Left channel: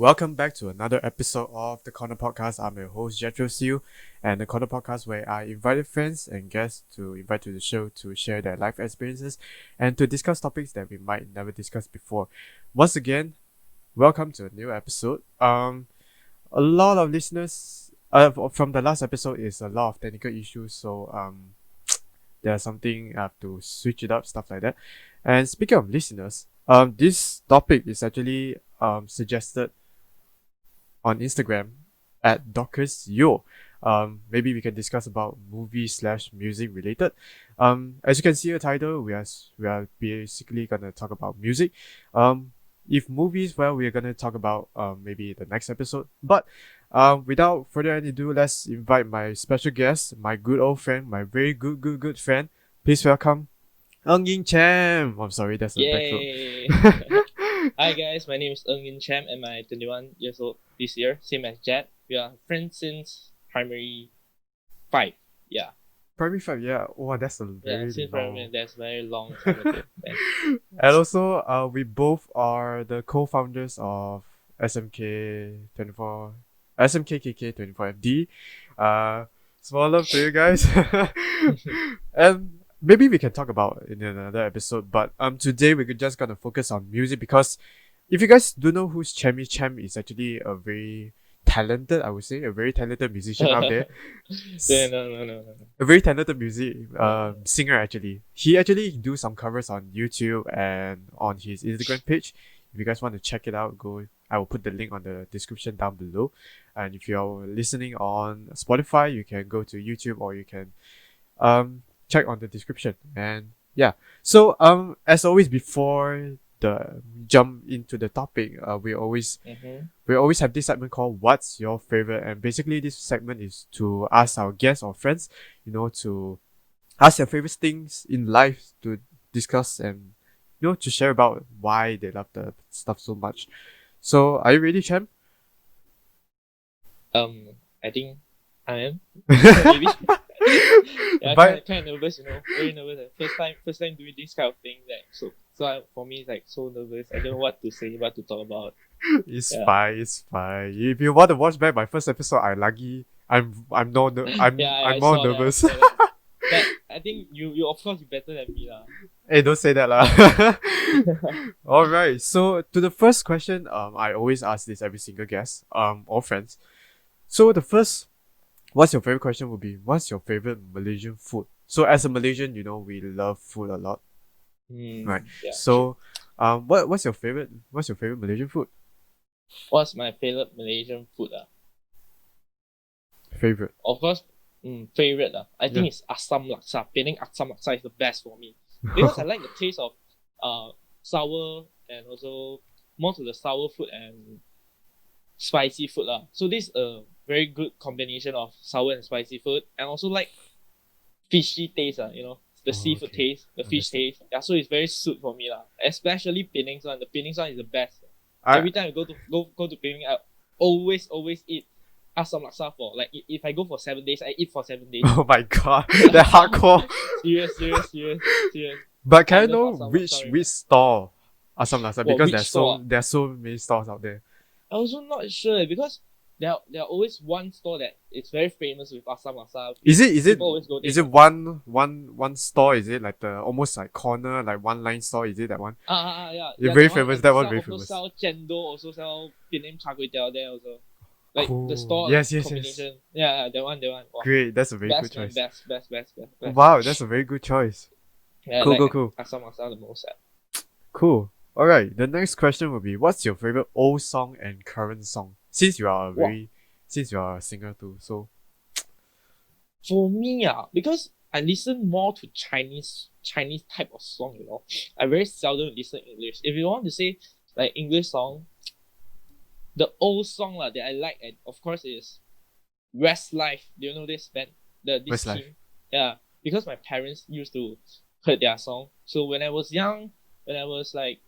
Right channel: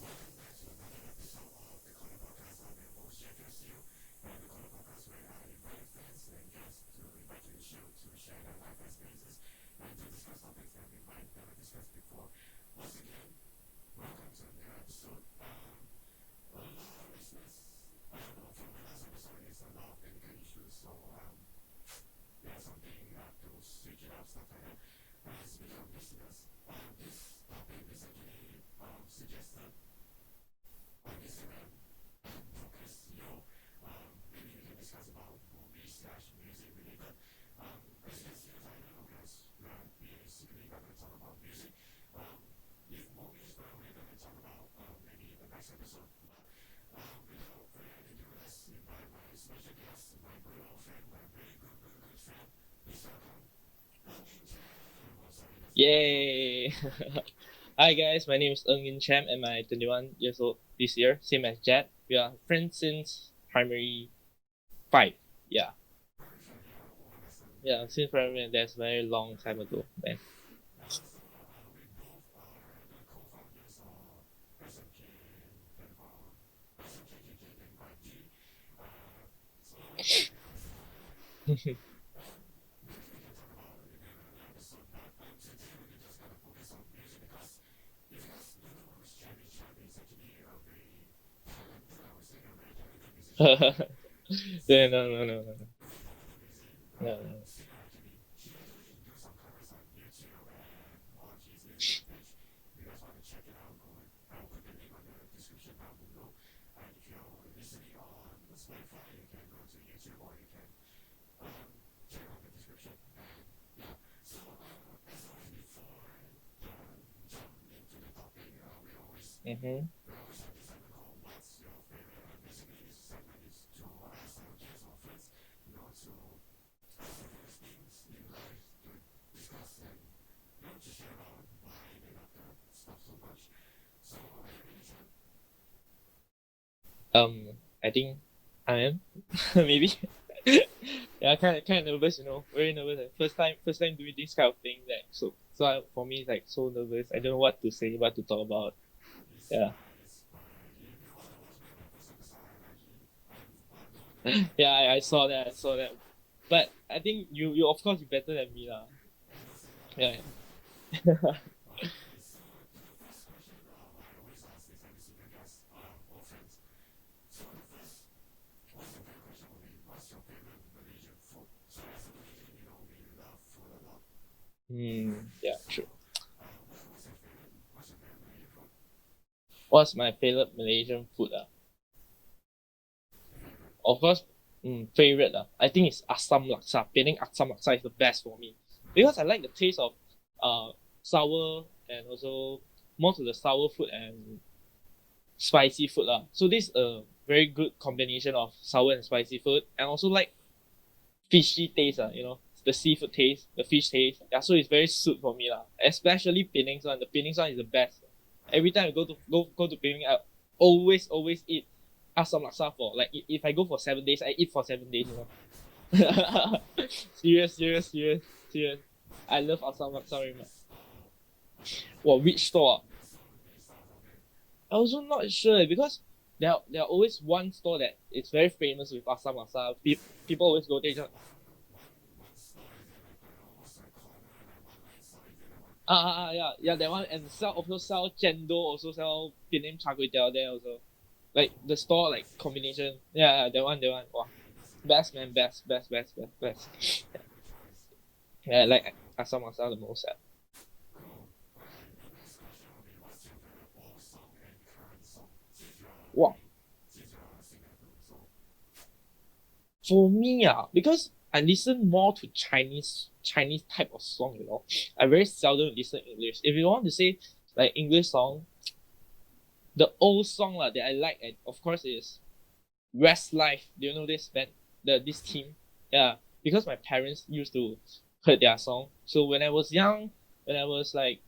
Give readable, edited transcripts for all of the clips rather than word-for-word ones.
Welcome back to another episode of the Corner Podcast. I'm your host Jethro Siew, and the Corner Podcast where I invited friends and guests to invite to the show to share their life experiences and to discuss topics that we might never discuss before. Once again, welcome to a new episode. A lot of listeners from the last episode is a lot of technical issues, so there's something I have to switch it up, stuff like that. And speaking of listeners, this topic is actually suggested on Instagram at Siew. Maybe we can discuss about movie/music related. As you can see the title, we are basically gonna talk about music. If movies, well, we're gonna talk about maybe the next episode. But without further ado, let's invite my special guest, my good old friend, my very good friend. Please welcome Ng Yin Cham. I'm sorry, that's a Yay! backdrop. Hi guys, my name is Ng Yin Cham and I'm 21 years old this year, same as Jet. We are friends since primary 5. Yeah. Primary 5, yeah. Oh, that's a Yeah, very since long. primary, that's very long time ago. Man. And also, we both are the co-founders of SMK 24, SMKKK 24FD. Small love to you guys. And maybe we can talk about it in another episode. But today we're just gonna focus on music because if you guys don't know who's Cham is actually a very talented, I would say, a very talented musician out there. Yeah, no. A very talented singer actually. He actually do some covers on YouTube and on his Instagram page. If you guys want to check it out, go. I will put the link on the description down below. And if you're listening on Spotify, you can go to YouTube or you can check on the description. And yeah. So as always before the jump into the topic, we always have this segment called What's Your Favorite? And basically this segment is to ask our guests or friends, to ask their favorite things in life to discuss and, to share about why they love the stuff so much. So are you ready, Cham? I think I am. Maybe. Yeah, But- kind of nervous, very nervous. First time doing this kind of thing. For me, it's like so nervous. I don't know what to say, what to talk about. It's Yeah. fine, it's fine. If you want to watch back my first episode, I'm no I'm Yeah, I I'm more saw nervous. That, I saw that. But I think you of course you're better than me lah. Hey, don't say that lah. Alright, so to the first question, I always ask this every single guest, or friends. So the first, what's your favorite question would be, what's your favorite Malaysian food? So as a Malaysian, we love food a lot, right? Yeah, So, what's your favorite Malaysian food? what's my favorite Malaysian food? Favorite. Of course, favorite. I think it's Asam Laksa. Penang Asam Laksa is the best for me. Because I like the taste of sour and also most of the sour food and spicy food. So this is a very good combination of sour and spicy food. And also like fishy taste, the seafood okay. taste, the fish taste. Yeah, so it's very suit for me. Especially Penang's one. The Penang's one is the best. Every time I go to Penang, I always eat Asam Laksa for like if I go for 7 days, I eat for 7 days. Oh my god, that hardcore. Serious. But can I I know love Asam which Laksa very which much. store Asam Laksa? Well, Because which there's store? there's so many stores out there. I also not sure because there are always one store that is very famous with Asam Laksa. Is it People always go there. is it one store? Is it like the almost like corner, like one line store? Is it that one? Yeah. You're very that famous, and that one sell- very also famous. sell chendol, also sell Penang char kway teow there also. Like Cool. the store Yes, yes. combination. Yeah, that one. Wow. Great, that's a very Best good man, choice. best. Wow, that's a very good choice. Yeah, Cool, like cool. Asam Laksa the most. Cool. Alright, the next question will be, what's your favorite old song and current song? Since you are a singer too, so For me, because I listen more to Chinese type of song, I very seldom listen English. If you want to say like English song, the old song that I like, of course, is Westlife. Do you know this band? This Westlife. team? Yeah, because my parents used to heard their song. So when I was young, when I was like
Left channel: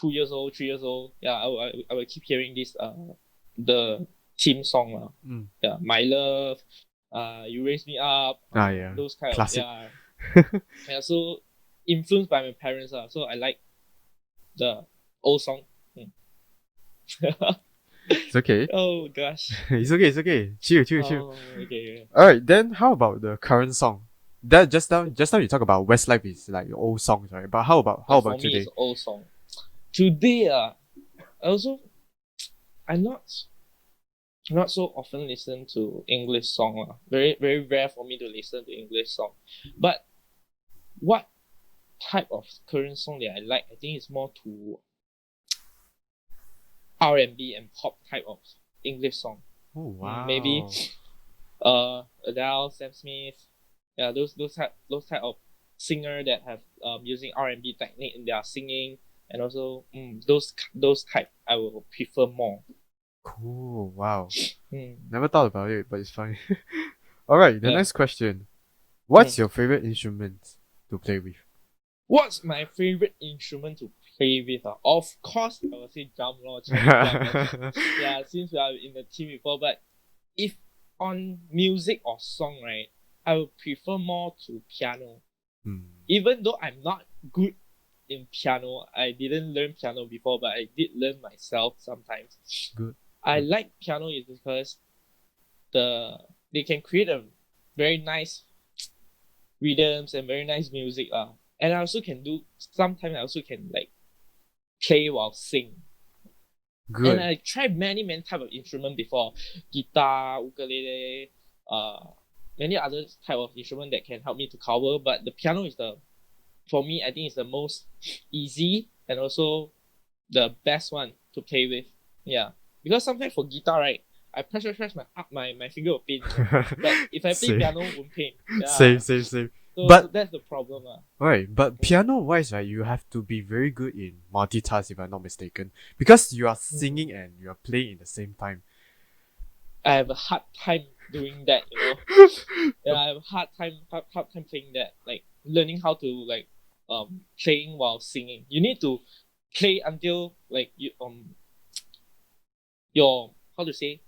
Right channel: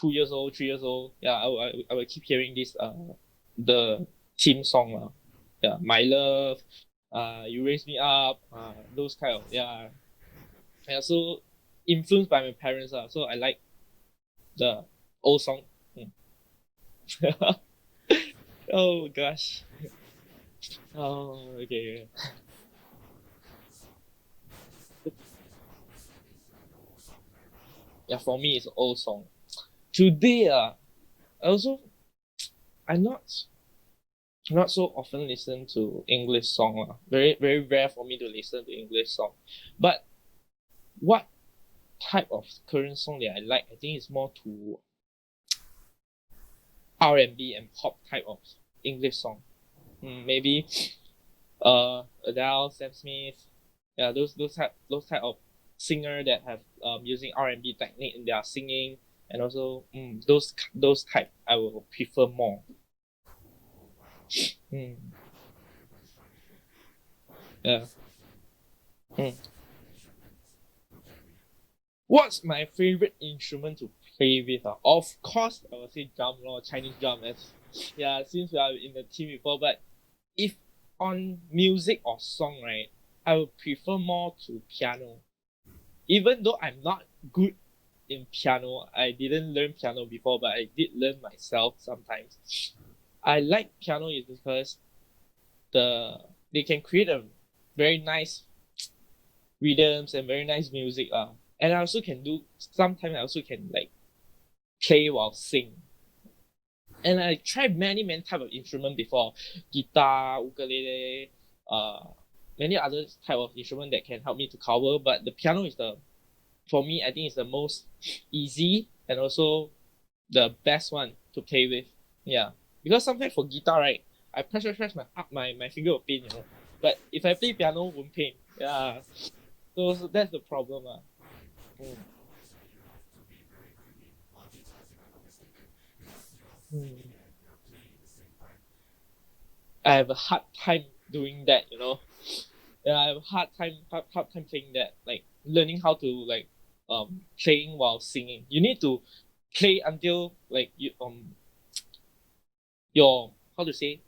2 years old, 3 years old, I would keep hearing this the theme song Mm. Yeah, My Love, You Raise Me Up, yeah. those kind Classic. of yeah. So influenced by my parents so I like the old song. It's okay. Oh gosh. It's okay. It's okay. Chill, chill, chill. Oh, okay. All right. Then how about the current song? That just now you talk about Westlife is like your old songs, right? But how Yeah, for about me, it's today? an old song. Today, I also I'm not so often listen to English song. Very very rare for me to listen to English song. But what type of current song that I like? I think it's more to R&B and pop type of English song. Oh Maybe wow. Adele, Sam Smith, yeah, those type of singer that have using R&B technique in their singing, and also those type I will prefer more. Cool. Wow. Mm, Never thought about it, but it's fine. All right. The yeah. next question. What's Mm. your favorite instrument to play with? What's my favorite instrument to play with? Of course, I would say drum lor, Chinese drum. Yeah, since we are in the team before, but if on music or song, right, I would prefer more to piano. Hmm. Even though I'm not good in piano, I didn't learn piano before, but I did learn myself sometimes. Good. I Good. like piano is because the they can create a very nice rhythms and very nice music. And I also can do sometimes I also can like play while sing. And Good. I tried many type of instrument before, guitar, ukulele, many other type of instrument that can help me to cover. But the piano is the for me I think it's the most easy and also the best one to play with. Yeah, because sometimes for guitar, right, I press my finger will pain, But if I play Same. piano, won't pain. Same. Yeah, Same. Same. so But that's the problem. right, but Mm. piano wise, right, you have to be very good in multitask if I'm not mistaken. Because you are Mm. singing and you are playing at the same time. I have a hard time doing that. Yeah, I have a hard time playing that. Like learning how to like playing while singing. You need to play until like your how to say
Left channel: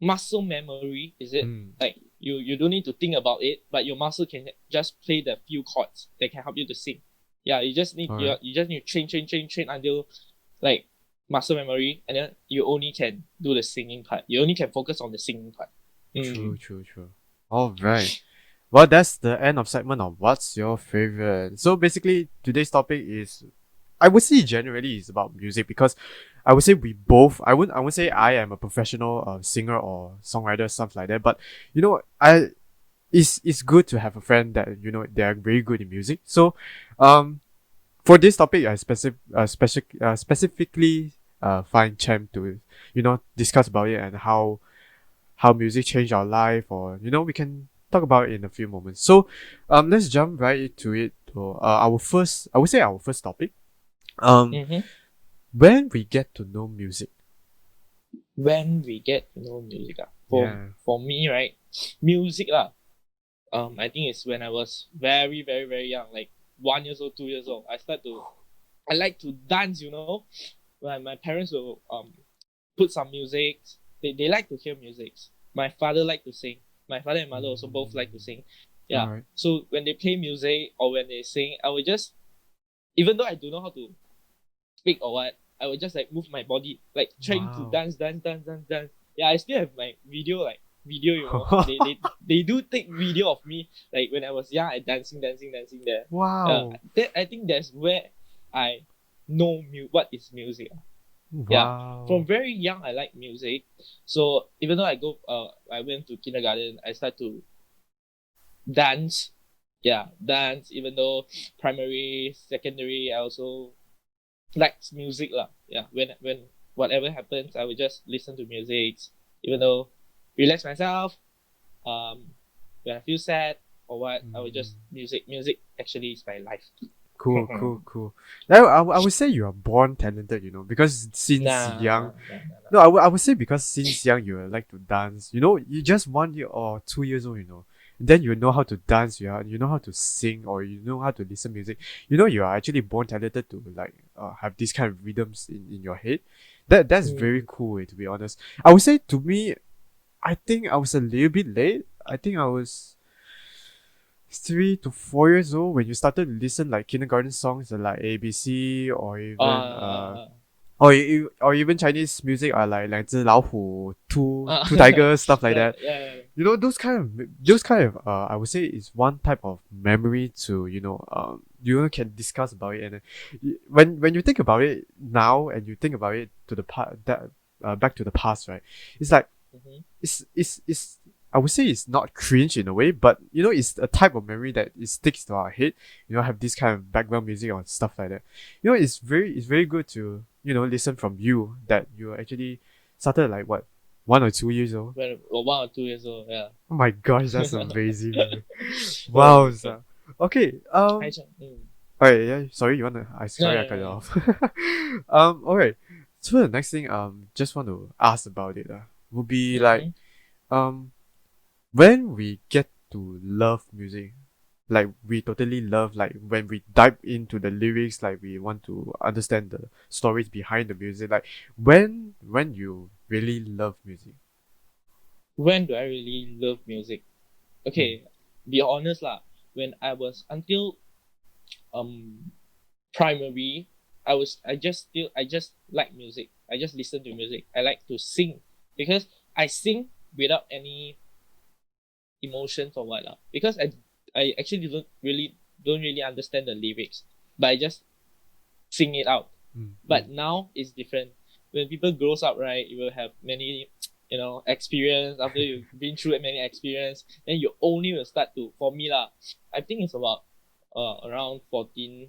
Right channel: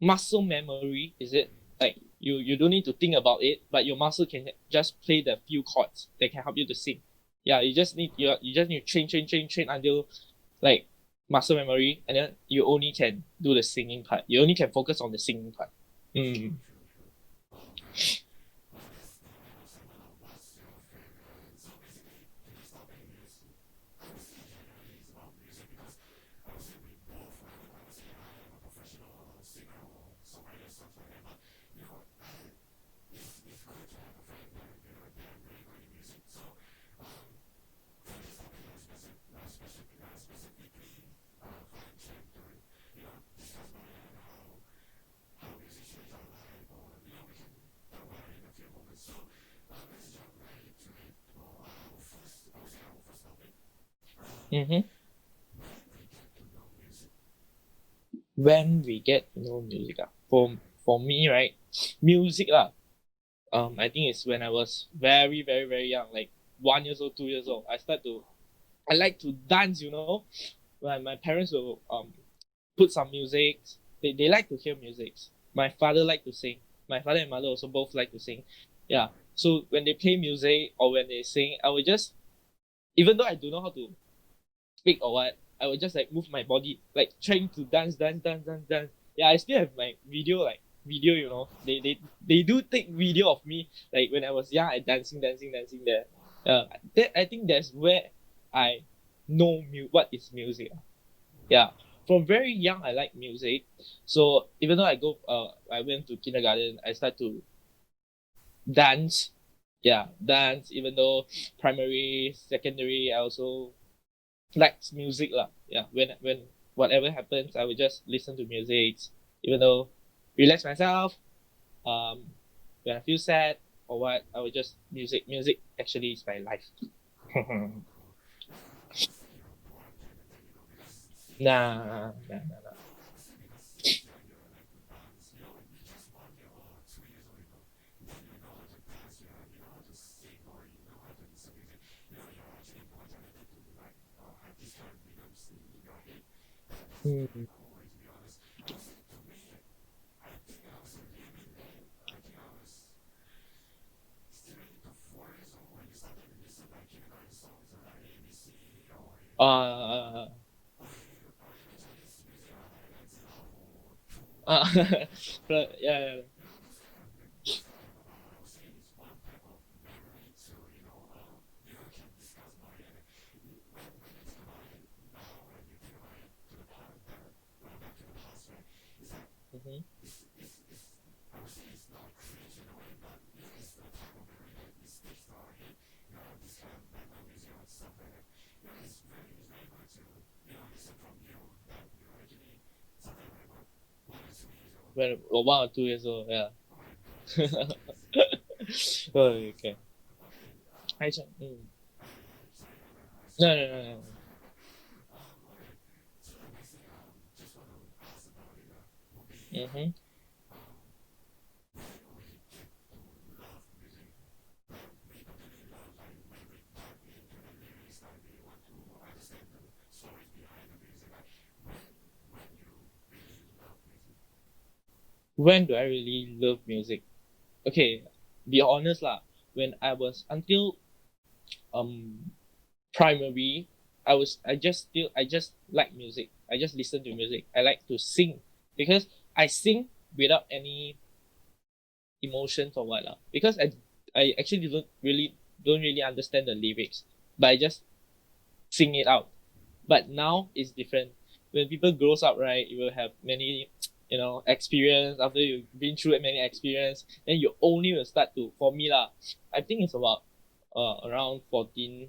muscle memory, is it? Mm. Like you don't need to think about it, but your muscle can just play the few chords that can help you to sing. Yeah, Alright. you just need to train until like muscle memory, and then you only can do the singing part. You only can focus on the singing part. True, Mm. true, true. Alright. Well, that's the end of segment of what's your favorite. So basically, today's topic is, I would say generally is about music because I would say we both. I would say I am a professional singer or songwriter, stuff like that. But I it's good to have a friend that they are very good in music. So, um, for this topic, I specifically find Chem to discuss about it and how music changed our life, or we can talk about it in a few moments. So let's jump right into it to our first, I would say, our first topic. um Mm-hmm. when we get to know music. When we get to know music, Yeah. for me, right, music I think it's when I was very very very young, like 1 years old, 2 years old. I like to dance. When my parents will put some music. They like to hear music. My father like to sing. My father and mother also both like to sing. All Yeah. right. So when they play music or when they sing, I will just, even though I don't know how to speak or what, I will just like move my body, like trying to Wow. dance. Yeah, I still have my video. They do take video of me like when I was young, I dancing there. Wow. I think that's where I know what is music. Yeah, Wow. from very young I like music. So even though I went to kindergarten, I start to dance. Yeah, dance. Even though primary, secondary, I also like music lah. Yeah, when whatever happens, I will just listen to music. Even though relax myself. When I feel sad or what, I will just Mm. music. Music actually is my life. Cool, cool, cool. Now, I would say you are born talented, because since young. Nah. No, I would say because since young you like to dance. You just 1 year or 2 years old. Then you know how to dance. You know how to sing, or you know how to listen music. You are actually born talented to like have these kind of rhythms in your head. That's very Mm. cool, to be honest. I would say to me, I think I was a little bit late. I think I was 3 to 4 years old when you started to listen like kindergarten songs like ABC, or even Uh, or even Chinese music are like 两只老虎, two tigers, stuff like that. Yeah. You know, those kind of I would say is one type of memory to, can discuss about it. And when you think about it now and you think about it to the back to the past, right? It's like Mm-hmm. it's I would say it's not cringe in a way, but it's a type of memory that it sticks to our head. Have this kind of background music or stuff like that. It's very good to listen from you that you actually started like what 1 or 2 years old. When 1 or 2 years old, yeah. Oh my gosh, that's amazing. Man. Oh Wow. my God. Okay. Alright, yeah. Sorry, you wanna? Sorry, I cut you No. off. Alright. So the next thing, just want to ask about it. Would be like, um, when we get to love music, like we totally love, like when we dive into the lyrics, like we want to understand the stories behind the music. Like when you really love music. When do I really love music? Okay, be honest lah. When I was until primary, I just like music. I just listen to music. I like to sing because I sing without any emotions or what lah. Because I actually don't really understand the lyrics, but I just sing it out. But now it's different. When people grows up, right, you will have many experience. After you've been through many experience, then you only will start to, for me lah, I think it's about around 14,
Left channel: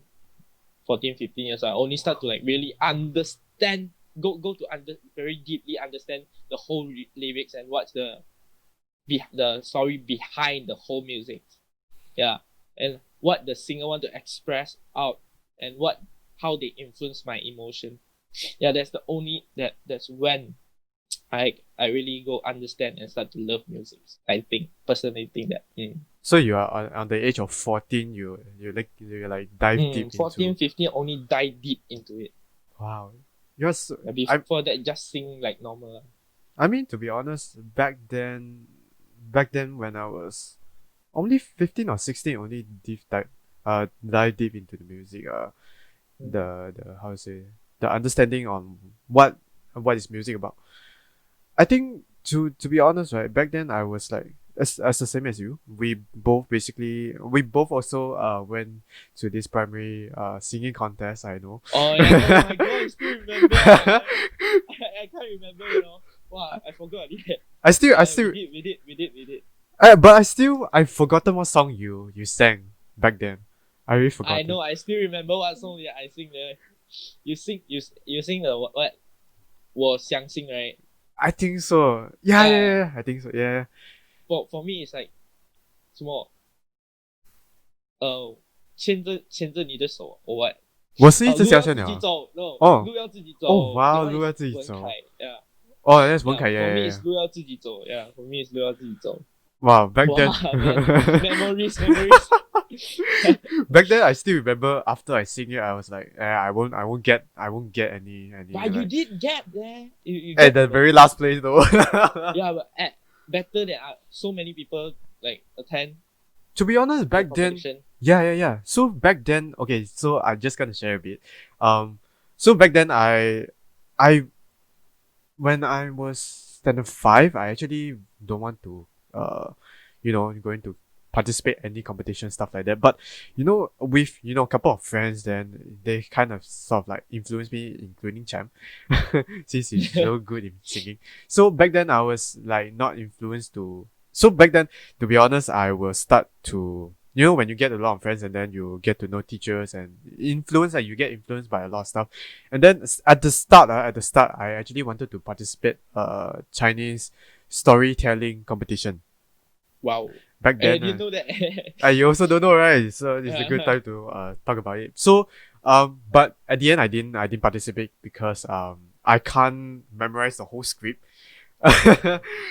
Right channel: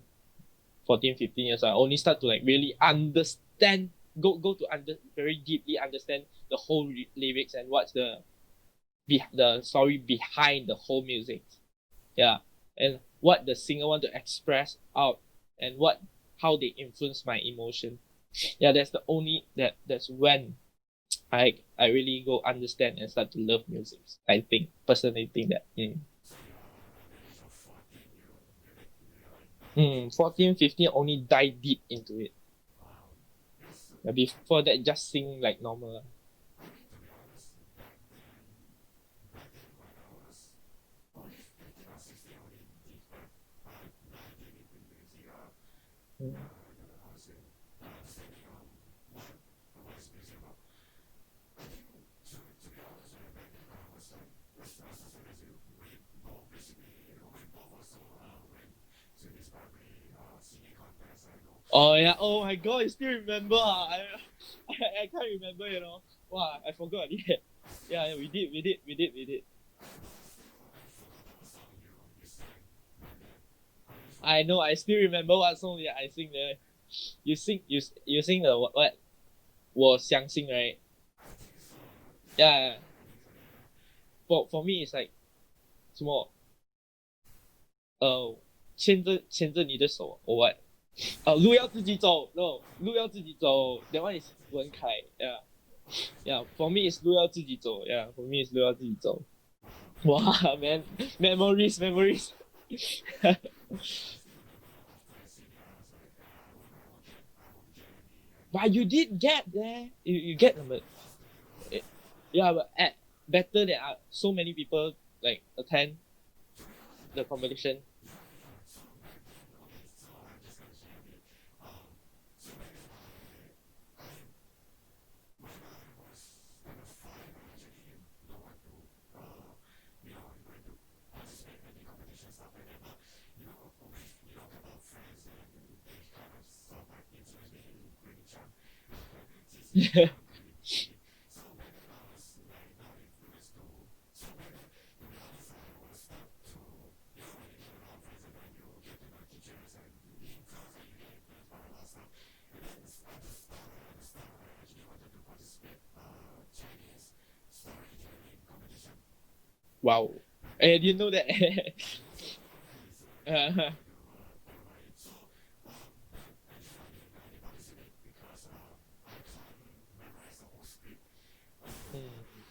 15 years, I only start to like really understand, go to very deeply understand the whole lyrics and what's the story behind the whole music. Yeah. And what the singer want to express out and how they influence my emotion. Yeah, that's when I really go understand and start to love music. I personally think that. So you are on the age of 14, you like dive deep 14, into. 15 only dive deep into it. Wow. Before that, just sing like normal. I mean, to be honest, back then when I was only 15 or 16, only dive deep into the music. The how to say, the understanding on what is music about. I think to be honest, right, back then I was like as the same as you. We both also went to this primary singing contest. I know. Oh yeah! Oh my god! I still remember. I can't remember. Wow! I forgot. Yeah. I still. We did. But I've forgotten what song you sang back then. I really forgot. I know. I still remember what song I sing there. You sing the what? 我相信 right? I think so. Yeah. I think so. Yeah. For me, it's like 什么？牵着你的手 or what？ 我是一只小路要鸟。自己走 ，no， 哦，路要自己走。哦，哇， that one 路要 is 自己走。文凯 ，yeah。Oh, that's 文凯 For me, yeah. it's 路要自己走 ，yeah。For me, it's 路要自己走。Wow, back then. Man, memories. Back then, I still remember after I sing it, I was like, I won't get any. But you did get there. You at get the very last place though. Yeah, but better than so many people like attend. To be honest, back then, yeah. So back then, okay. So I'm just gonna share a bit. So back then, I when I was standard 5, I actually don't want to going to participate any competition, stuff like that. But with a couple of friends, then they kind of sort of like influenced me, including Cham, since he's so good in singing. So back then I was like not influenced to. So back then, to be honest, I will start to when you get a lot of friends and then you get to know teachers and influence, and you get influenced by a lot of stuff. And then at the start, I actually wanted to participate Chinese storytelling competition. Wow. Back then, I didn't know that. you also don't know, right? So it's a good time to talk about it. So but at the end, I didn't participate because I can't memorize the whole script.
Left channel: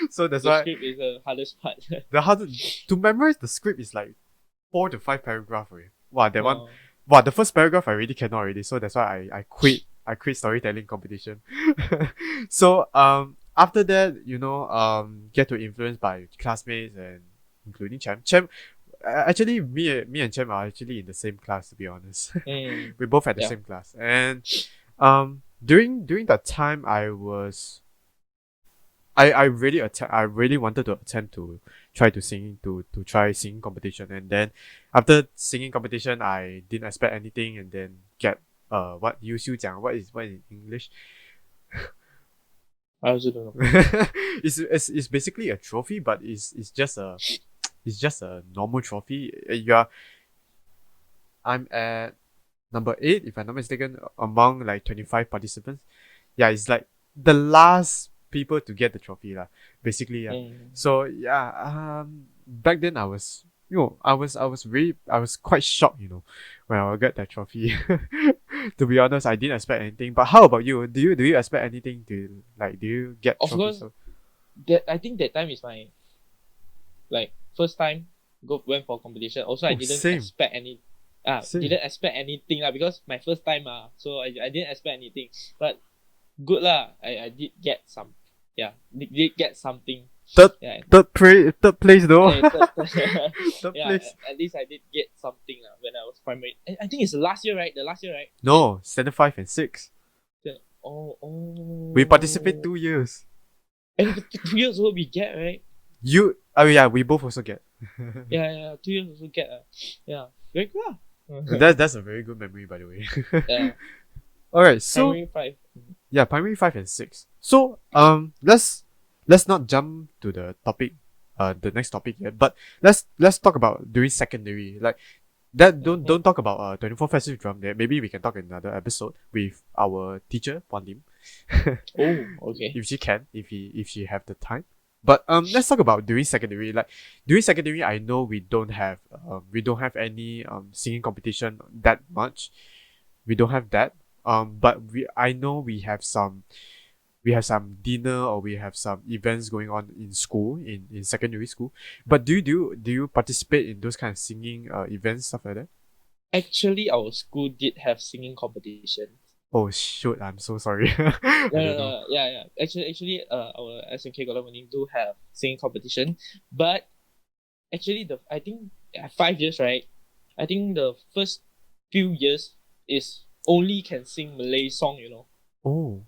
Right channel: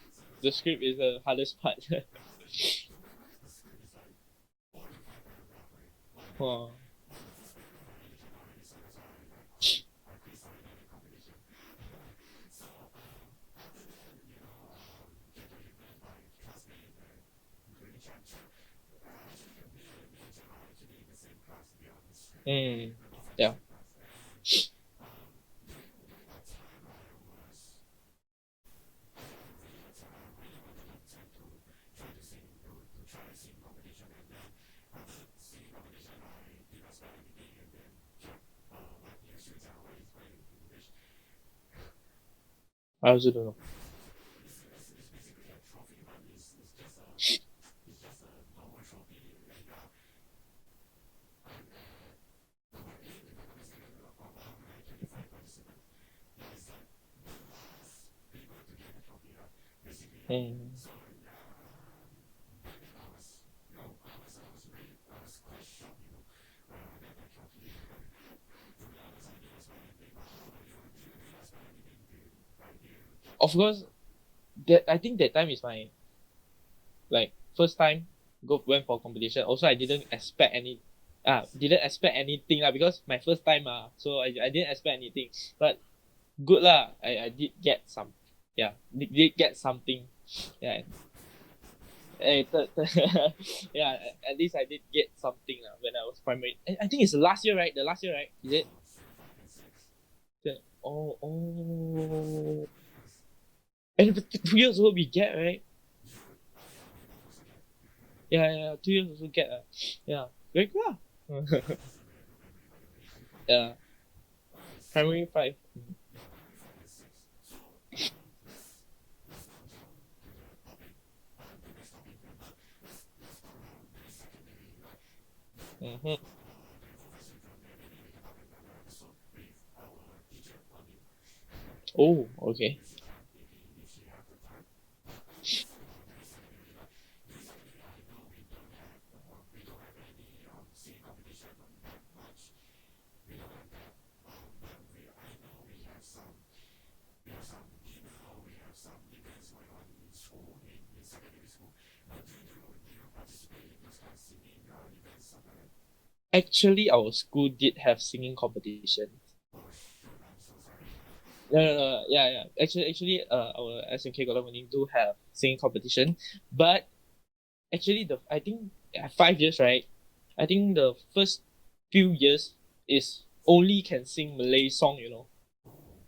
So that's why the script is the hardest part. To memorize the script is like 4 to 5 paragraphs. Right? Wow, that one. Wow, the first paragraph I really cannot already. So that's why I quit. I quit storytelling competition. So after that, get to influence by classmates and including Cham. Actually, me and Cham are actually in the same class, to be honest. We both had the same class, and during that time I really wanted to attempt to try singing competition, and then after singing competition I didn't expect anything, and then get what 优秀奖 what in English. I also don't know. It's basically a trophy, but it's just a normal trophy. I'm at number 8 if I'm not mistaken among like 25 participants. Yeah, it's like the last people to get the trophy lah, basically. Yeah. So yeah, back then I was I was quite shocked, when I got that trophy. To be honest, I didn't expect anything. But how about you? Do you expect anything to like? Do you get Of trophies? course, that I think that time is my like first time went for competition. Also, I didn't Same. expect any. Same. Didn't expect anything lah, because my first time so I didn't expect anything. But good lah, I did get some. Yeah, did get something. Third place though. Third yeah, place. at least I did get something when I was primary. I think it's the last year, right? No, standard 5 and 6. Oh. We participate 2 years. And 2 years old we get, right? Yeah, we both also get. Yeah, 2 years also get. Yeah, very good. That's a very good memory, by the way. Yeah. All right, so Primary 5. yeah, primary 5 and 6. So let's not jump to the topic, the next topic yet. But let's talk about during secondary. Like that. Don't talk about 24 festive drum. There, maybe we can talk in another episode with our teacher Wan Lim. Oh, okay. If she have the time. But let's talk about during secondary. Like during secondary, I know we don't have any singing competition that much. We don't have that. But I know we have some dinner, or we have some events going on in school, in secondary school. But do you participate in those kind of singing events, stuff like that? Actually, our school did have singing competition. Oh shoot! I'm so sorry. No. Yeah. Actually, our SMK Golden do have singing competition, but actually, I think 5 years, right? I think the first few years is only can sing Malay song, Oh.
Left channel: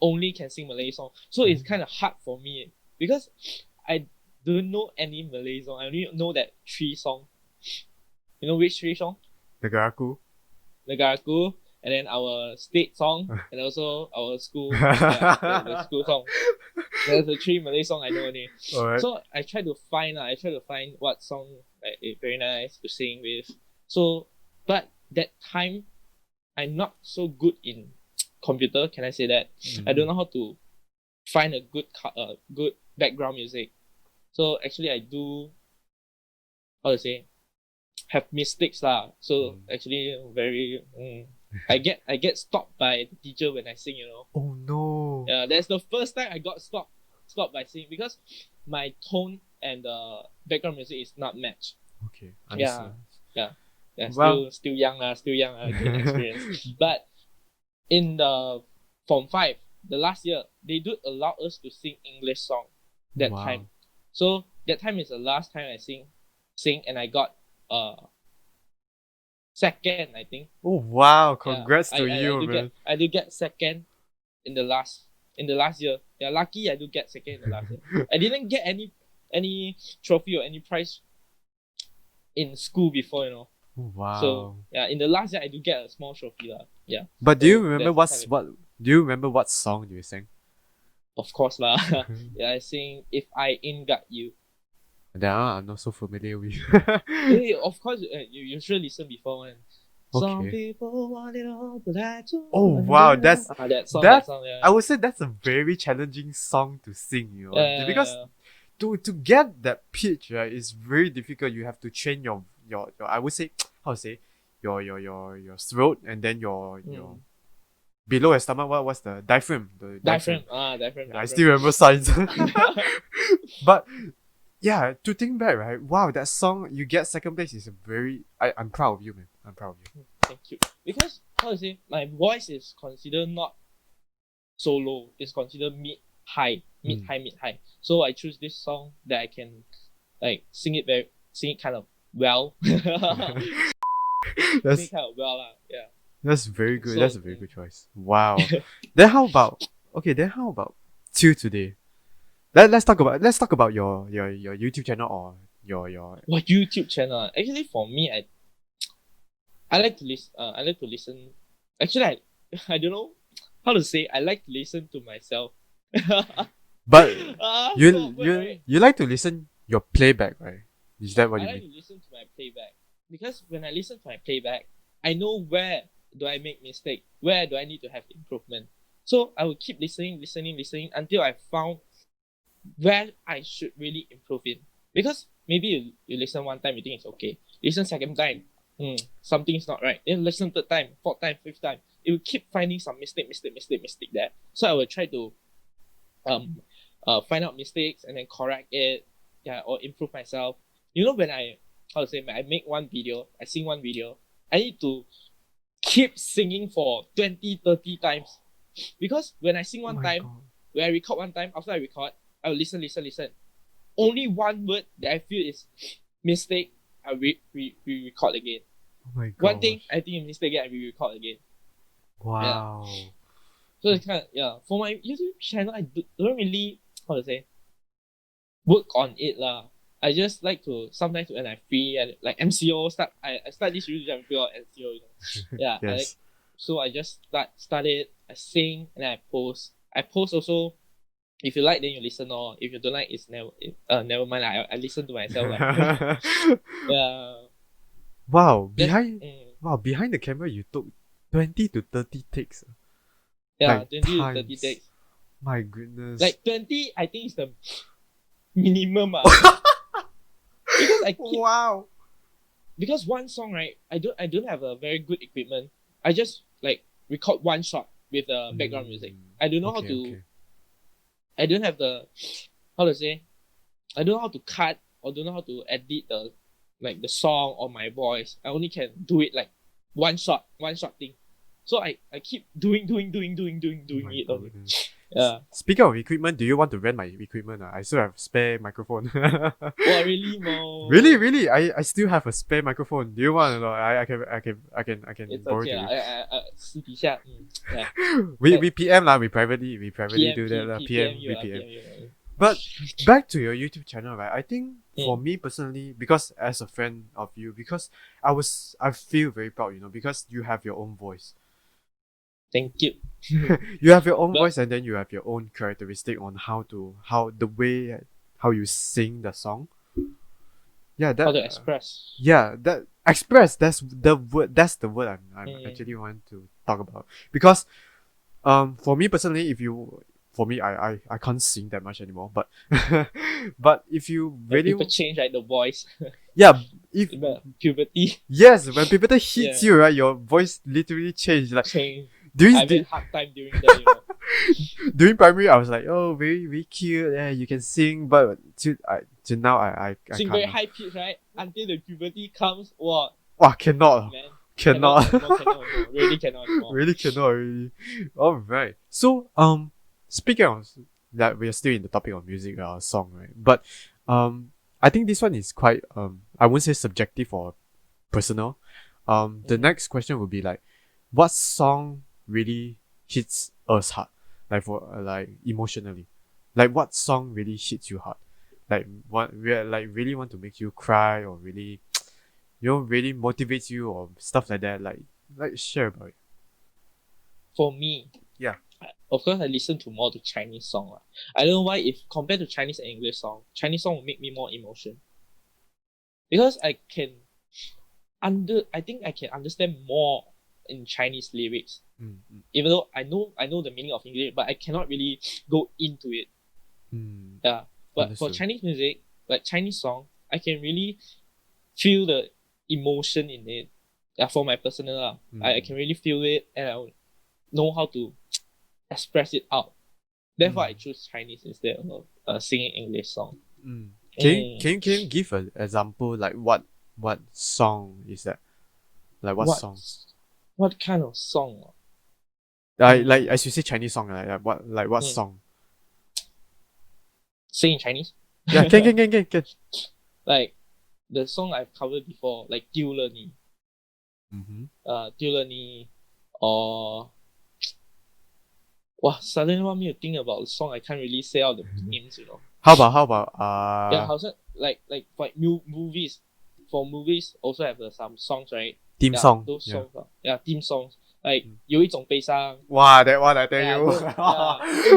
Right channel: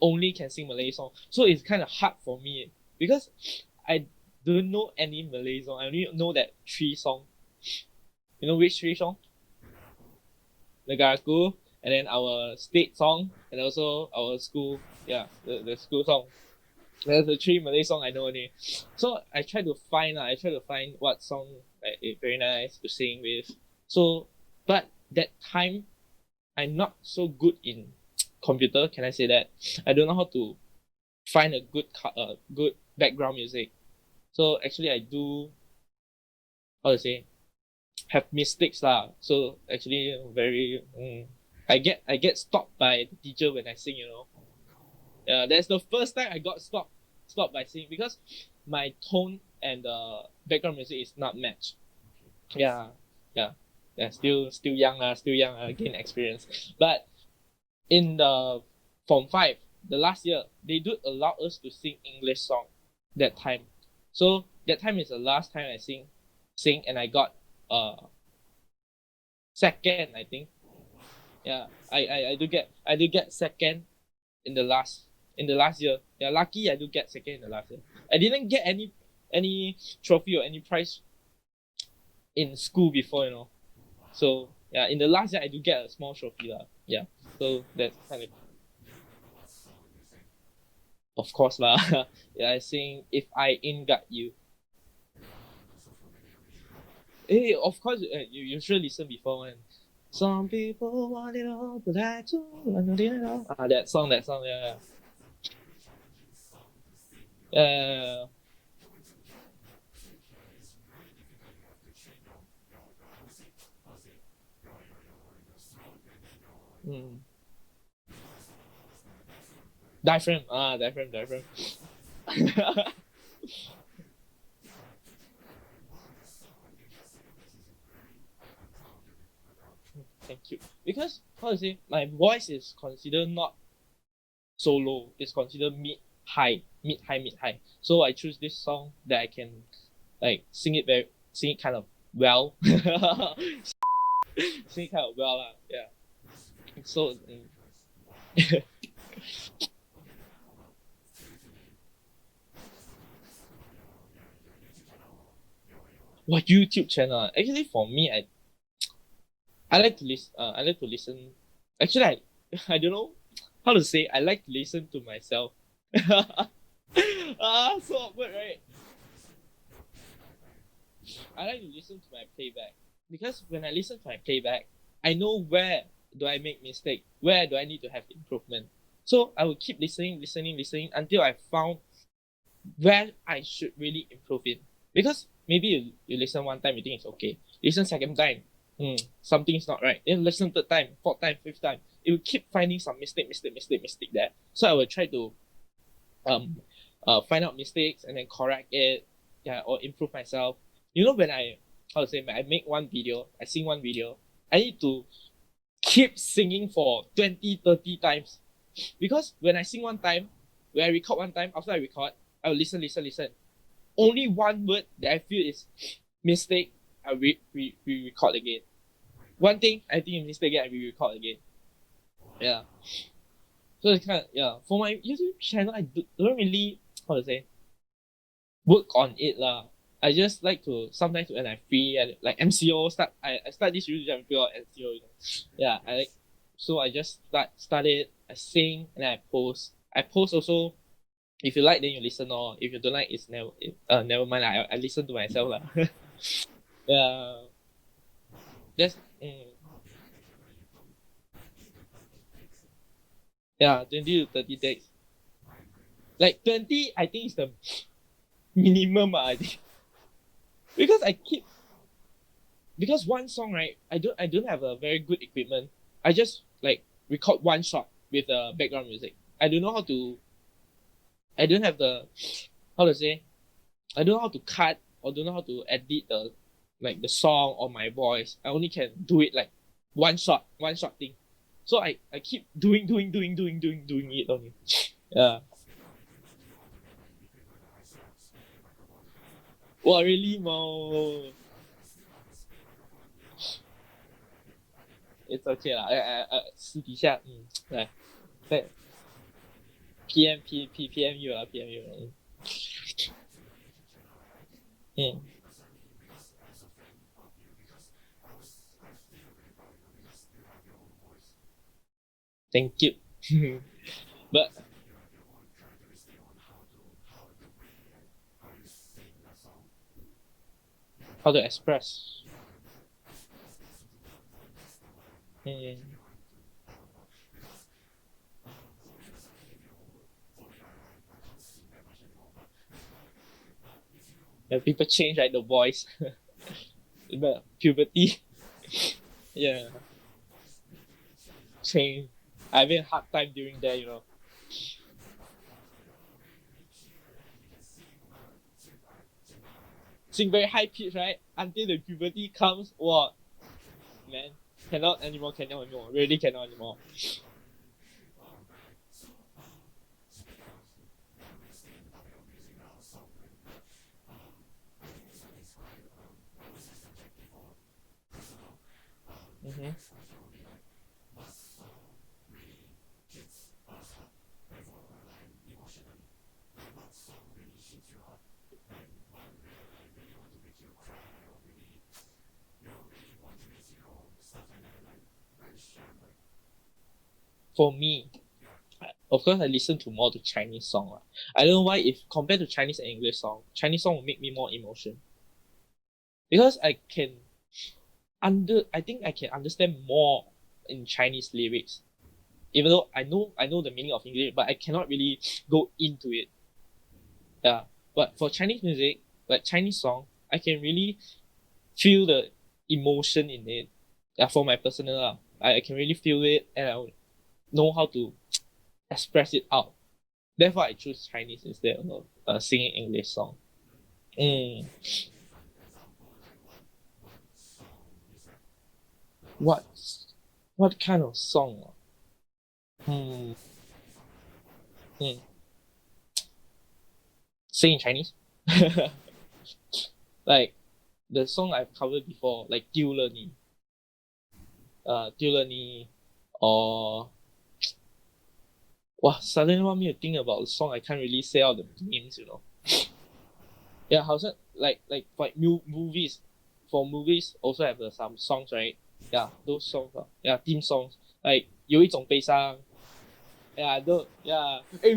Only can sing Malay song. So it's kind of hard for me because I don't know any Malay song. I only know that 3 song. You know which 3 song? Negaraku, and then our state song, and also our school, the school song. There's the 3 Malay song I know only. Alright. So I try to find what song very nice to sing with. So, but that time, I'm not so good in computer. Can I say that? I don't know how to find a good background music. So actually, I do have mistakes lah. So actually, very I get stopped by the teacher when I sing. Oh no. Yeah, that's the first time I got stopped by singing because my tone and the background music is not matched. Okay. Yeah. Wow. Still young gain experience. But in the Form 5, the last year, they do allow us to sing English song that time. So that time is the last time I sing, and I got second, I think. Oh wow! Congrats to you, man. I do get second in the last year. Yeah, lucky I do get second in the last year. I didn't get any trophy or any prize in school before, Oh, wow. So yeah, in the last year I do get a small trophy lah. Yeah. But do you remember what song do you sing? Of course lah. Yeah, I sing If I Ain't Got You. That I'm not so familiar with. Hey, of course, you should listen before one. Okay. Some people want it all, but I don't. Oh wow, that song. Yeah. I would say that's a very challenging song to sing, because to get that pitch, right, is very difficult. You have to train your I would say, how to say, your throat, and then your below your stomach. What's the diaphragm? Diaphragm. I still remember science. But yeah, to think back, right? Wow, that song you get second place is I'm proud of you, man. I'm proud of you. Thank you. Because how to say, my voice is considered not so low. It's considered mid high. So I choose this song that I can like sing it kind of well. Sing it kind of well, yeah. That's very good. So That's a very good choice. Wow. Then how about till today? Let's talk about your YouTube channel or your what YouTube channel? Actually, for me, I like to listen. I like to listen. Actually, I don't know how to say. I like to listen to myself. but So awkward, right? you like to listen your playback, right? Is that what I you like mean? to listen to my playback because when I listen to my playback, I know where do I make mistake, where do I need to have improvement. So I will keep listening until I found where I should really improve in. Because maybe you listen one time, you think it's okay. Listen second time, something's not right. Then listen third time, fourth time, fifth time. It will keep finding some mistake there. So I will try to find out mistakes and then correct it, yeah, or improve myself. You know, when I make one video, I sing one video, I need to keep singing for 20, 30 times. Because when I sing Oh one my time, god. when I record one time, after I record, I will listen. Only one word that I feel is mistake, I re-record again. Oh my god. One thing I think is mistake again, I re-record again. Yeah. Wow. So it's kind of, yeah. For my YouTube channel, I don't really, how to say, work on it lah. I just like to sometimes when I'm free and like MCO I start this YouTube channel figure out MCO, you know. Yeah, Yes. so I just start it, I sing and then I post. I post also. If you like, then you listen, or if you don't like, it's never mind. I listen to myself lah. Yeah, Wow. that's Behind the camera you took 20 to 30 takes. yeah, Like 20 to 30 times. takes. My goodness. Like 20, I think is the minimum because I keep wow. because one song, right, I don't have a very good equipment. I just like record one shot with background music. I don't know how to. I don't have the how to say. I don't know how to cut or don't know how to edit the song or my voice. I only can do it like one shot thing. So I keep doing it only. Yeah. Speaking of equipment, do you want to rent my equipment? I still have spare microphone. Wow, really, Mo? Really. I still have a spare microphone. Do you want to know? I can It's borrow okay to lah. you. 私底下, yeah. We PM lah. We privately do that lah. PM you we PM. you. But back to your YouTube channel, right? I think for Mm. me personally, because as a friend of you, because I feel very proud, you know, because you have your own voice. Thank you. You have your own But- voice, and then you have your own characteristic on how you sing the song. Yeah, that How to express. yeah, that express. That's the word. That's the word I'm actually want to talk about. Because for me personally, for me I can't sing that much anymore. But but if you When really people change like the voice. yeah, if Puberty yes, when people hits Yeah. you, right, your voice literally change. Like change. during I had hard time during that, you know. during primary, I was like, oh, very very cute. Yeah, you can sing. But to now, I Sing can't. very high pitch, right? Until the puberty comes, wow, Wow, cannot. man. Cannot. Cannot anymore. Really cannot anymore. Really cannot really. All right. So speaking of that, we are still in the topic of music, song, right? But I think this one is quite I wouldn't say subjective or personal. The Mhm. next question would be like, what song really hits us hard, like for like emotionally, like what song really hits you hard, like what really want to make you cry or really, really motivates you or stuff like that. Like share about it. For me, Yeah. of course, I listen to more to Chinese song. I don't know why, if compared to Chinese and English song, Chinese song will make me more emotion. Because I think I can understand more in Chinese lyrics. Even though I know the meaning of English, but I cannot really go into it. Yeah. But for Understood. Chinese music, like Chinese song, I can really feel the emotion in it. Yeah, for my personal I can really feel it and I would know how to express it out. Therefore, I choose Chinese instead of singing English song. Can you give an example, like what song is that? Like what song? What kind of song? Like as you say Chinese song, like what Mm. song? Sing in Chinese? Yeah, can. Like the song I've covered before, like 丢了你. 丢了你 or wow, suddenly want me to think about the song. I can't really say out the names, you know. How about Yeah, how's it like for movies? For movies also have some songs, right? theme Yeah, song? those Yeah. songs, yeah, theme songs. Like 有一种悲伤. Wow, that one I tell Yeah, you. yeah. Hey,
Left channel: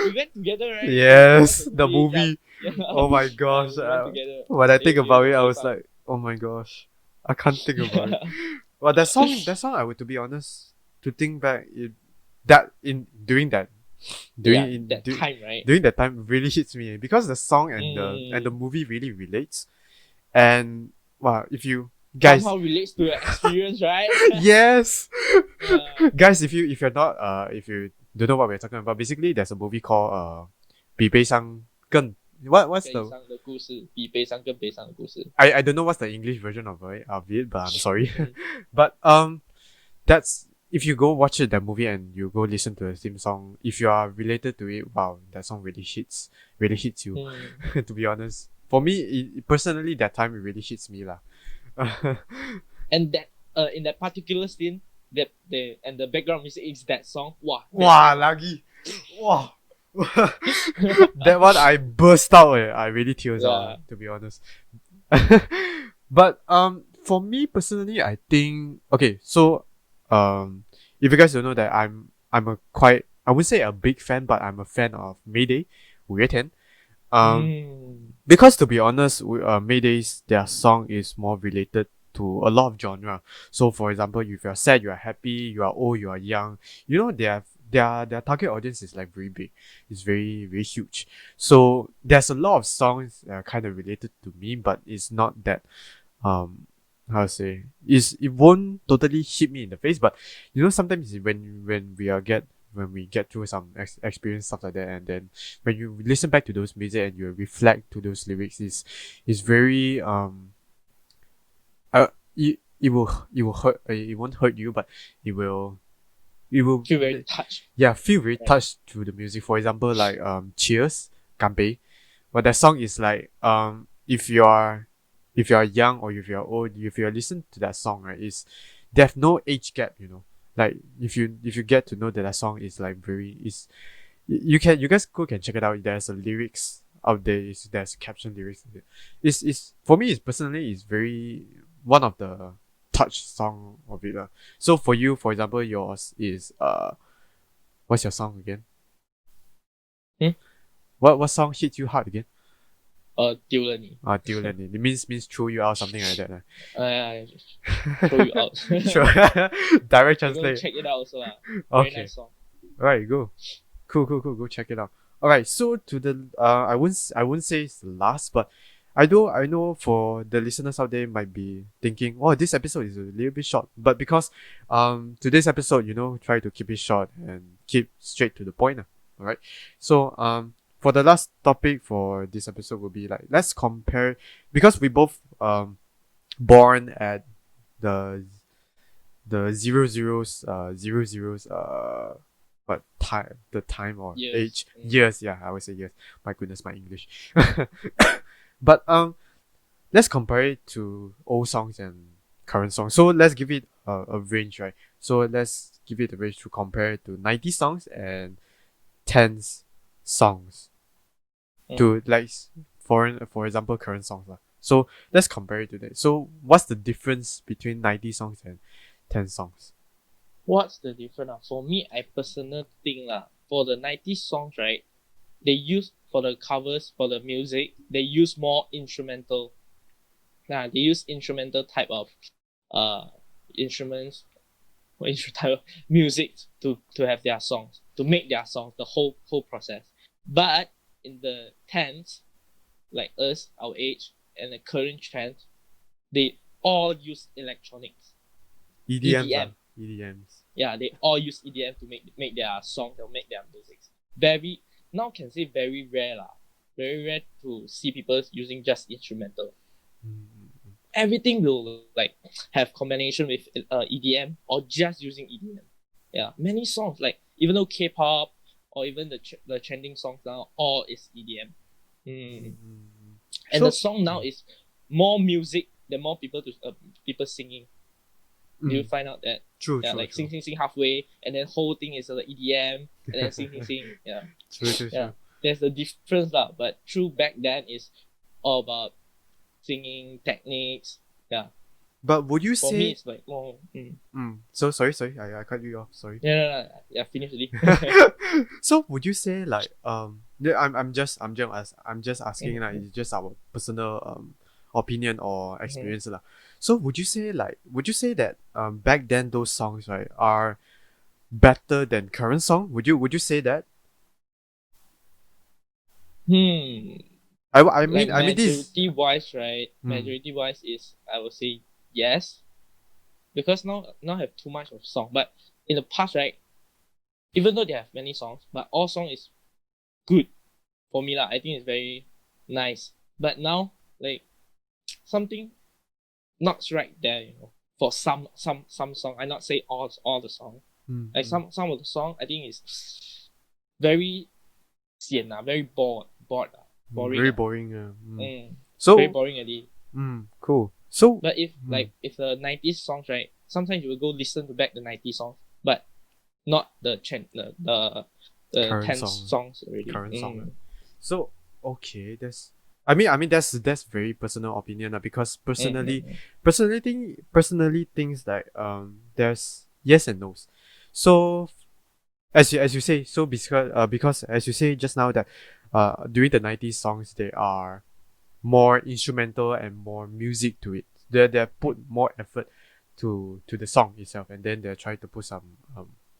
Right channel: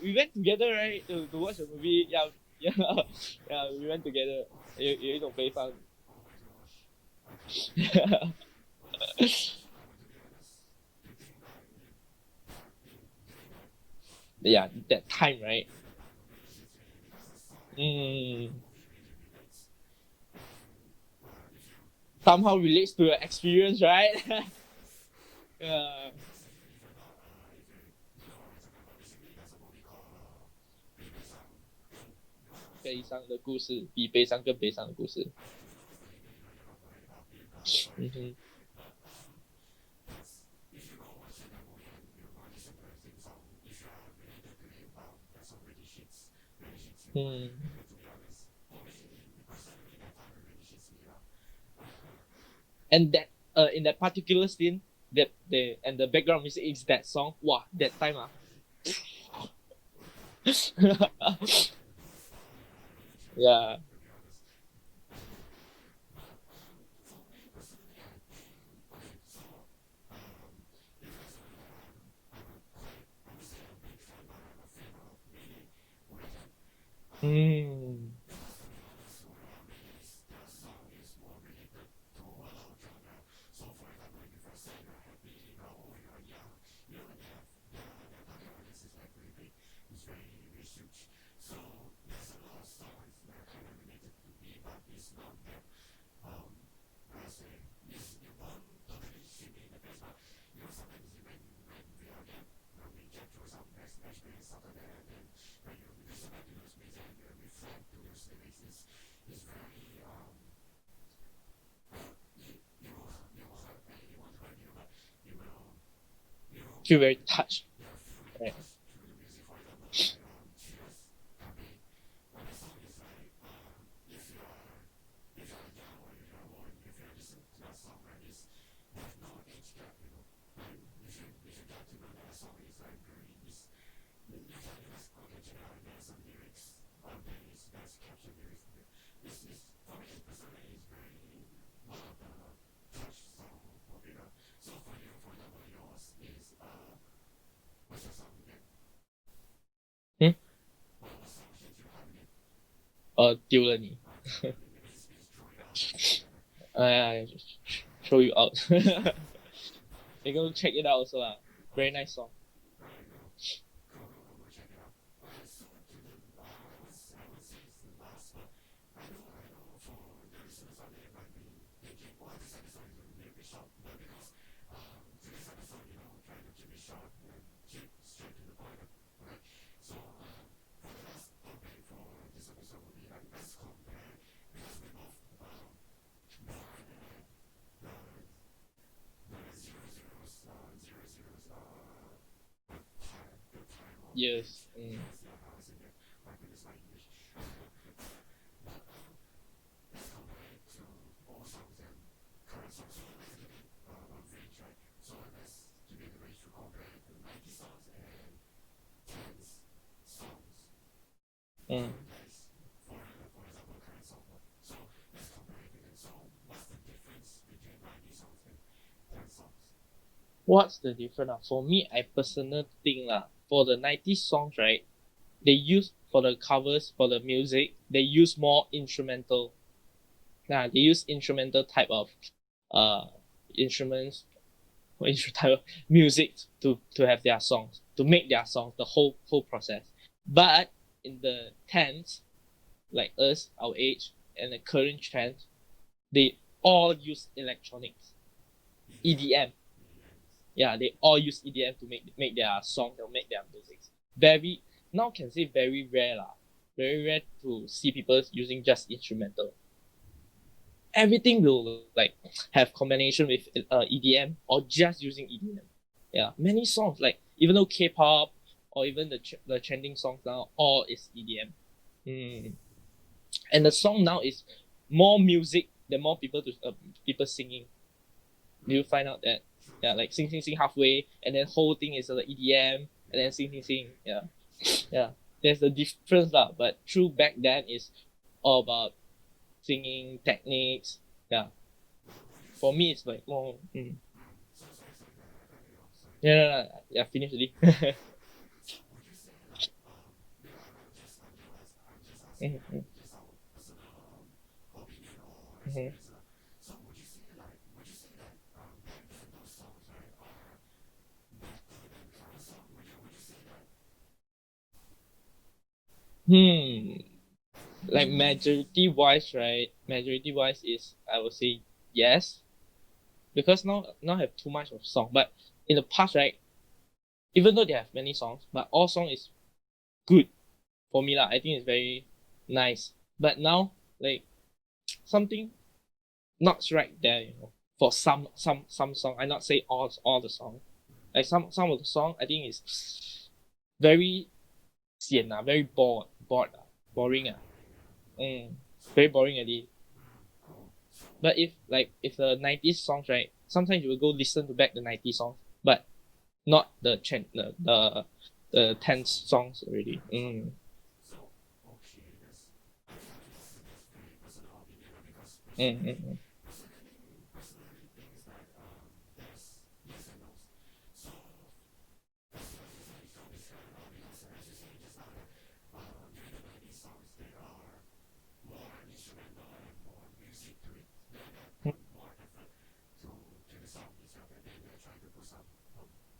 we went together, right? Yes, To watch the movie. Yeah, yeah. Oh my gosh. We went together. When I think about it, I was 有一种悲伤. like, oh my gosh, I can't think about it. Well, that song, I would, to be honest, to think back, during that, Yeah, that time, right? during that time, really hits me because the song and the movie really relates, and wow, if you guys, somehow relates to your experience, right? yes, Yeah. guys, if you're not if you don't know what we're talking about, basically there's a movie called 比悲伤更 what's 悲 the 伤的故事比悲伤更悲伤的故事. I don't know what's the English version of it, but I'm sorry. Mhm. But that's if you go watch that movie and you go listen to the theme song, if you are related to it, wow, that song really hits you. To be honest, for me, personally, that time it really hits me lah. And that in that particular scene, that the background music is that song. Wow, Wow, lagi, wow. That one I burst out. I really tears out. To be honest. But for me personally, I think okay. So if you guys don't know that I'm a quite, I wouldn't say a big fan, but I'm a fan of Mayday, 5月天. Because to be honest, Mayday's their song is more related to a lot of genre. So for example, if you're sad, you are happy, you are old, you are young, you know, their target audience is like very big. It's very, very huge. So there's a lot of songs that are kind of related to me, but it's not that how to say, it won't totally hit me in the face, but you know, sometimes when we get through some experience, stuff like that, and then when you listen back to those music and you reflect to those lyrics, is very it will hurt, it won't hurt you, but it will feel very touched. Yeah, feel very touched through the music. For example, like Cheers, 干杯. But that song is like if you are young or if you're old, if you listen to that song, right, there's no age gap, you know. Like if you get to know that song is like you guys can check it out. There's a lyrics out there. There's caption lyrics. It's for me. It's personally is very one of the touch song of it. So for you, for example, yours is what's your song again? What song hit you hard again? 丢了你. 丢了你. It means throw you out, something like that. Throw you out. Sure. Direct You go translate. check it out also. Very Okay. nice song. Alright, go. Cool. Go check it out. Alright, so to the I wouldn't say it's the last, but I know for the listeners out there might be thinking, oh, this episode is a little bit short. But because today's episode, you know, try to keep it short and keep straight to the point. Alright. So for the last topic for this episode will be like, let's compare, because we both born at the zero zeros what time, the time or Years. age, years, yeah, I would say years. My goodness, my English. But let's compare it to old songs and current songs. So let's give it a range, right? So let's give it a range to compare it to 90 songs and 10s songs. To like for example, current songs. So let's compare it to that. So what's the difference between 90 songs and 10 songs? What's the difference? For me, I personally think for the 90s songs, right, they use, for the covers, for the music, they use more instrumental. They use instrumental type of instruments, type of music to have their songs, to make their songs, the whole process. But in the 10s, like us, our age, and the current trend, they all use electronics. EDM. EDMs. Yeah, they all use EDM to make their songs or make their music. Very, now can say very rare Very rare to see people using just instrumental. Everything will like have combination with EDM or just using EDM. Yeah, many songs, like even though K-pop or even the trending songs now, all is EDM. And So, the song now is more music than more people singing. Do you find out that? True. Yeah, True. like True. sing halfway, and then whole thing is like EDM, and then sing. Yeah, True. yeah. There's the difference lah. But true back then is all about singing techniques. Yeah. But would you For me, say? it's like more. So sorry. I cut you off. Sorry. No. Yeah, finish already. So would you say like yeah, I'm just asking like Mhm. it's just our personal opinion or experience lah. So would you say that back then those songs right are better than current song? Would you say that? I Like mean this. majority wise, right? Hmm. Majority wise is I would say yes, because now have too much of song. But in the past, right, even though they have many songs, but all song is good for me lah. I think it's very nice. But now, like something not right there, For some song, I not say all the song. Like some of the song, I think is very sian very bored boring Very boring. very So boring already. cool. So But if the 90s songs, right, sometimes you will go listen to back the 90s songs, but not the current 10 song. songs already. Current song. So okay, I mean that's very personal opinion because personally things like there's yes and no's. So as you say, so because as you say just now that during the 90s songs they are more instrumental and more music to it. They put more effort to the song itself, and then they try to put some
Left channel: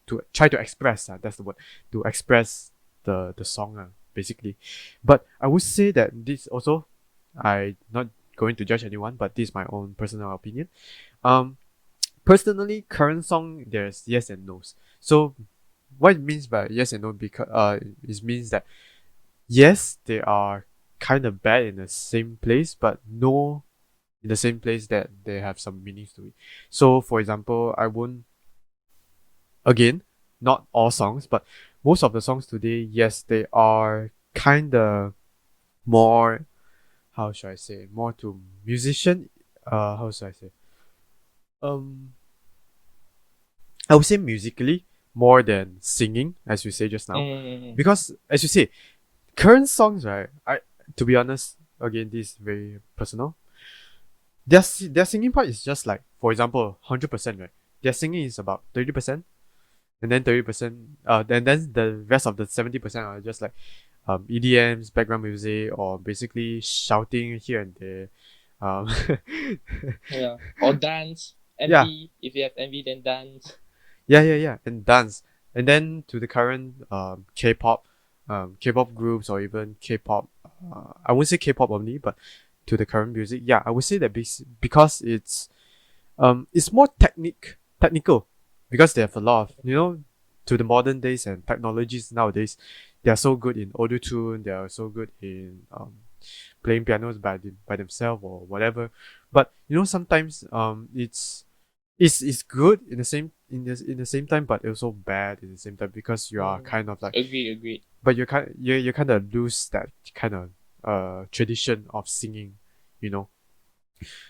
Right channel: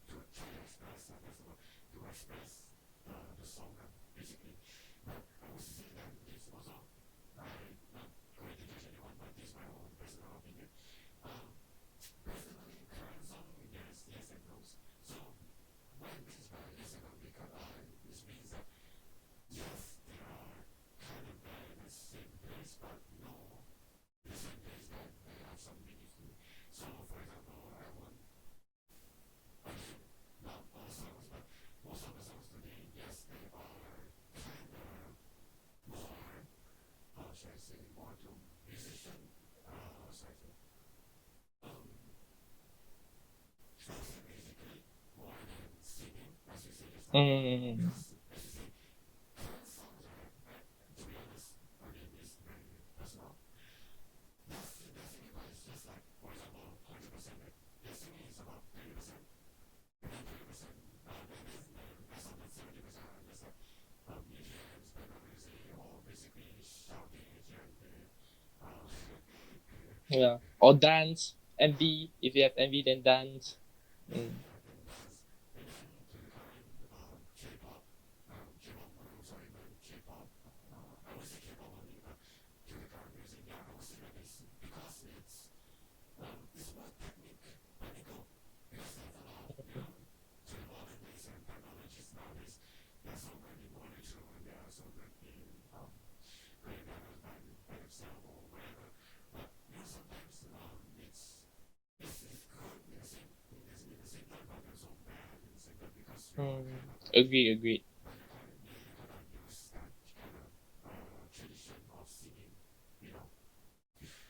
to try to express that's the word, to express the song basically. But I would say that this also, I not going to judge anyone, but this is my own personal opinion. Personally, current song there's yes and no's. So what it means by yes and no, because it means that yes they are kind of bad in the same place, but no in the same place that they have some meanings to it. So for example, I won't, again, not all songs, but most of the songs today, yes, they are kind of more, how should I say, more to musician, how should I say, um I would say musically more than singing, as you say just now, because as you say, current songs, right? I, to be honest, again, this is very personal. Their singing part is just like, for example, 100%, right? Their singing is about 30%, and then 30%, then the rest of the 70% are just like EDMs, background music, or basically shouting here and there. Yeah, or dance. Yeah, MV, if you have MV, then dance. yeah, and dance, and then to the current K-pop, K-pop groups, or even K-pop. I wouldn't say K-pop only, but to the current music, yeah, I would say that because it's more technical, because they have a lot of, to the modern days and technologies nowadays, they are so good in auto tune, they are so good in playing pianos by themselves or whatever. But sometimes it's good in the same time, but also bad in the same time, because you are kind of like, Agreed. but you kind of lose that kind of tradition of singing, you know.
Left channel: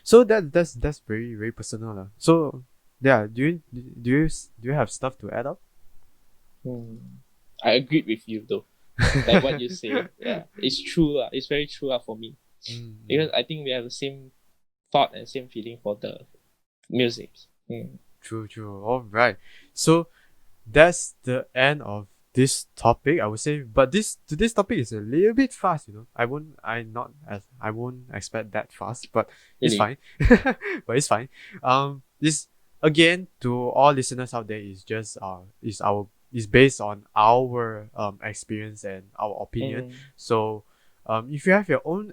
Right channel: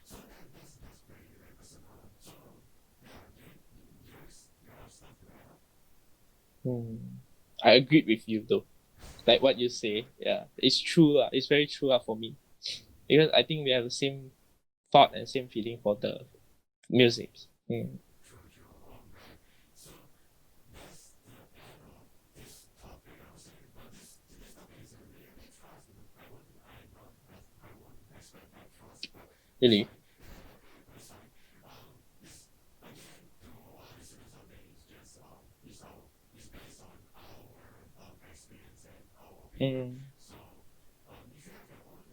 So that's very very personal lah. So yeah, do you have stuff to add up? I agreed with you though. Like what you say, yeah, it's true it's very true for me, because I think we have the same thought and same feeling for the music. True. All right. So that's the end of this topic, I would say. But today's topic is a little bit fast, I won't expect that fast, but it's Really? fine. But it's fine. This, again, to all listeners out there, is based on our experience and our opinion. So if you have your own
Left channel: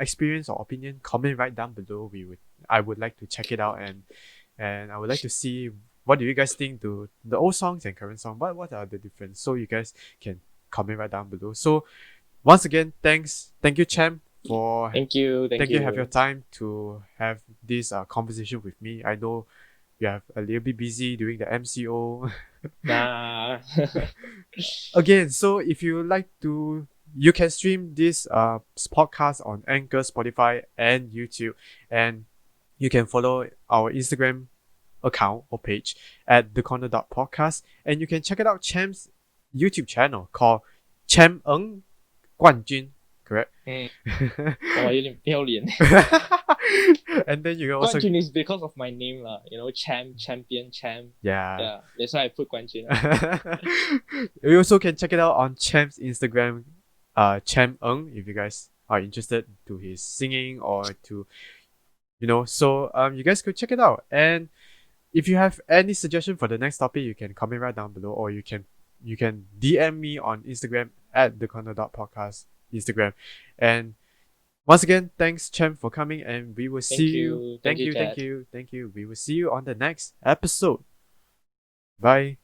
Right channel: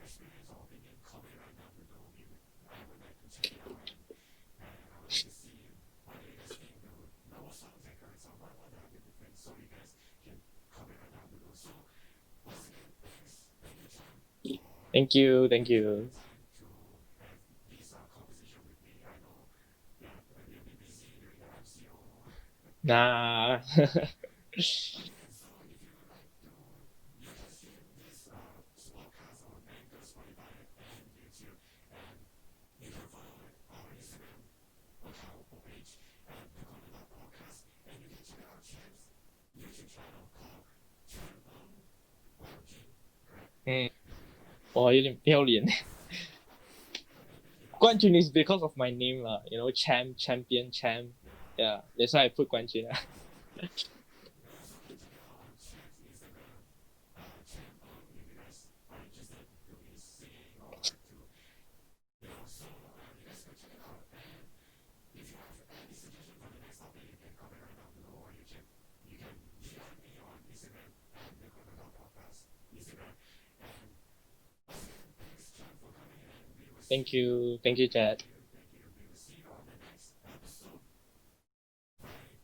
experience or opinion, comment right down below. I would like to check it out, and I would like to see what do you guys think to the old songs and current song. What are the difference? So you guys can comment right down below. So once again, thank you, Champ, for Thank you. have your time to have this conversation with me. I know you have a little bit busy doing the MCO. Nah. Again, so if you like to, you can stream this podcast on Anchor, Spotify, and YouTube, and you can follow our Instagram account or page at thecorner.podcast, and you can check it out Cham's YouTube channel called Cham Eng 冠军, correct? 有点不要脸。 And then you can also 冠军 is because of my name lah, champion, yeah. That's why I put 冠军. You also can check it out on Cham's Instagram, Cham Eng, if you guys are interested to his singing or to, so you guys could check it out. And if you have any suggestion for the next topic, you can comment right down below, or you can DM me on Instagram at thecorner.podcast Instagram. And once again, thanks Chem for coming, and we will see you. Thank you, thank you. We will see you on the next episode. Bye.